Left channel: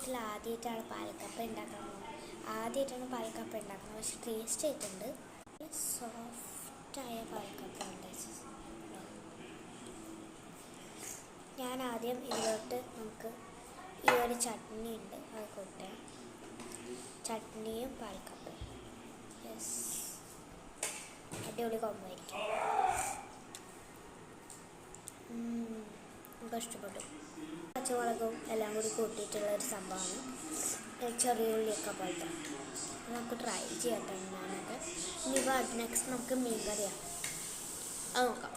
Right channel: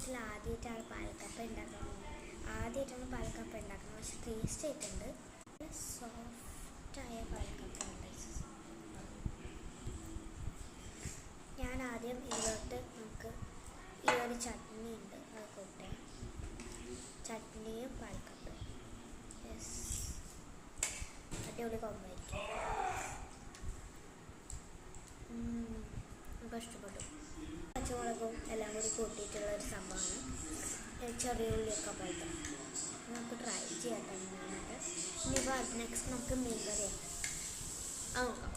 വീട്ടിൽ ആദ്യമായിട്ടാണ് പാൽക്കപ്പ ഉണ്ടാക്കുന്നത്. പക്ഷെ ടേസ്റ്റ് ആയിട്ടുണ്ട്. സോഫ്റ്റായ പാൽക്കപ്പ ഉണ്ട്. ഞാൻ ആദ്യം ഇതിലോട്ട് നമുക്ക് ഈ ഒരു ചട്നി ഉണ്ട്, അത് കൂട്ടാം. ചട്നിയും പാൽക്കപ്പയും. യെസ്, അടിപൊളി കോംബോ ആയിരിക്കും. നമുക്ക് ഇഷ്ടപ്പെട്ടു. പച്ചമുളകും എല്ലാം കൂടി കൂട്ടിയിട്ടുള്ള ഒരു സംഭവമാണ്. ചെറിയ ഉള്ളിയൊക്കെ പോലത്തെ. നമുക്ക് ട്രൈ ചെയ്യട്ടെ. ഞാനത് ഇനി നെക്സ്റ്റ് നമുക്ക് മീൻ കറിയാണ്, അത് നോക്കാം.